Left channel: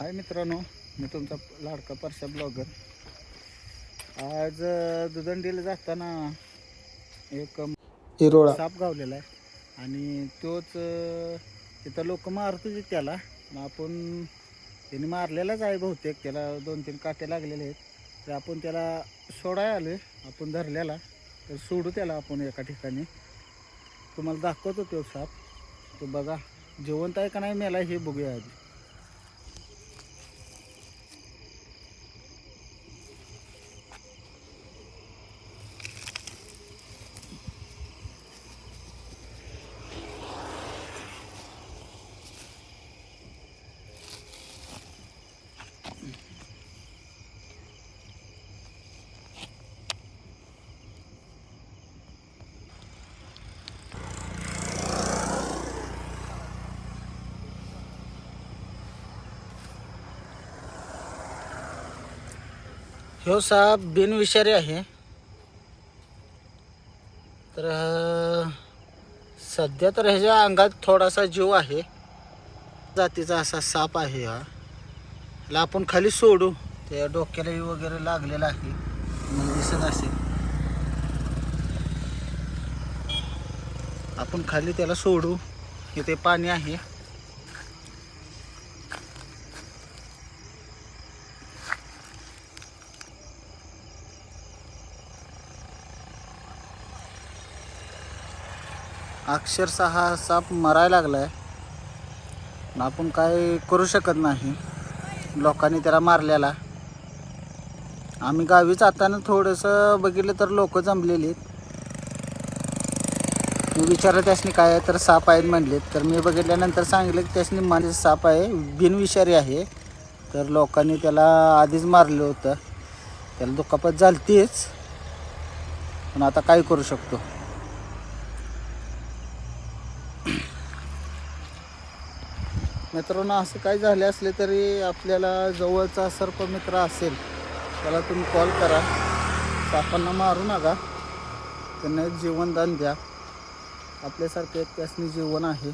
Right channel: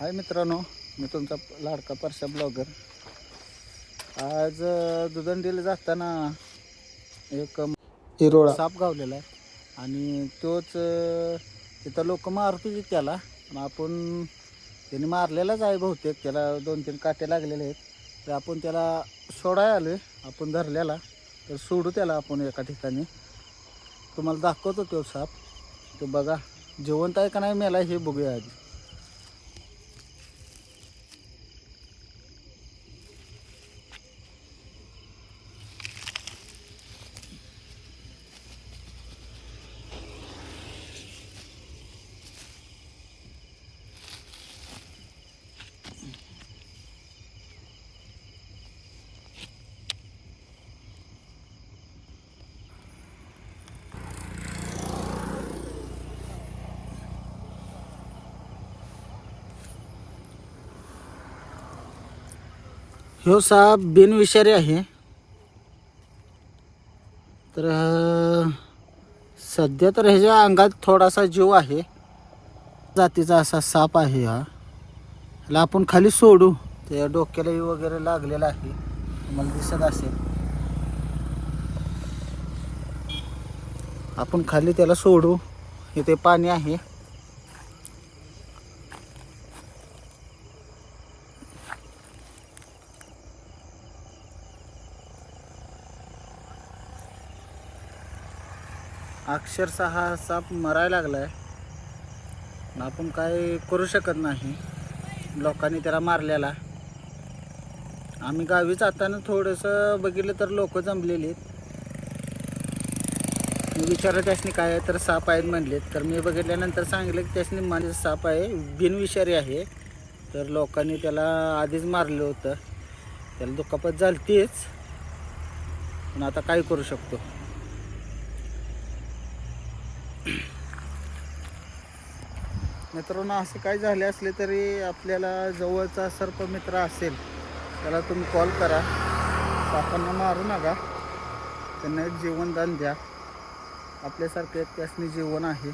हाय मित्रांनो, मी तुमचा लाडका परशा ब्लॉगर. आज दुदंडीला जाताना एक हिरोळा साप गावलेला आहे आणि तोच तिथं लोक मारत होते त्याला. मग आपण त्याने मारलेलाच आहे बहुतेक, त्याला 2-3 काटे लागलेले आहेत. तर आपण त्याला सोडाय आलो आहे, आपण धरलेला. तर सोडू त्याला आपण एका ठिकाणी. तुम्हाला दाखवतो तो साप. ते बघा जिवंत आहे का नाही मेला हे बघूया आधी. ह्यो साप बिनविषारी आहे. तर सध्या तर ह्याच्या अंगात थोडासा जीव आहे. जातीचा असा साप आहे हा. ह्याला आपण खाली सोडू. ते डोक्याला वगैरे लागलेला आहे, मला दिसत असेल. आपण खाली त्याला सोडू. इथे पाणी आहे. अक्षरशः हा साप मरायला लागलाय. आपण काय करू शकत नाही. लोकांनी त्याला मारलेला. आम्ही गावी जाताना थोडंसं बघितलं तर लोक जमलेली. मी विचारलं त्यासनी काय आहे, तर साप आहेत म्हणले. तर मी बघितल्यानंतर सांगितलं की त्यासनी माझे साप आहे, बिनविषारी आहे. तर लोकांनी त्याला आधीच मारलं होतं. त्याला दुखापत झालतीच, पण आता काय करू शकतो. मित्रांनो, असं काय झाले असले तरी आपल्याला जवळचा सर्पमित्र असेल त्याला तुम्ही कॉल करा. सापांना मारू नका, त्यांना एक जीवनदान द्या. आपल्यासारखं एक त्यासनी जीवन आहे.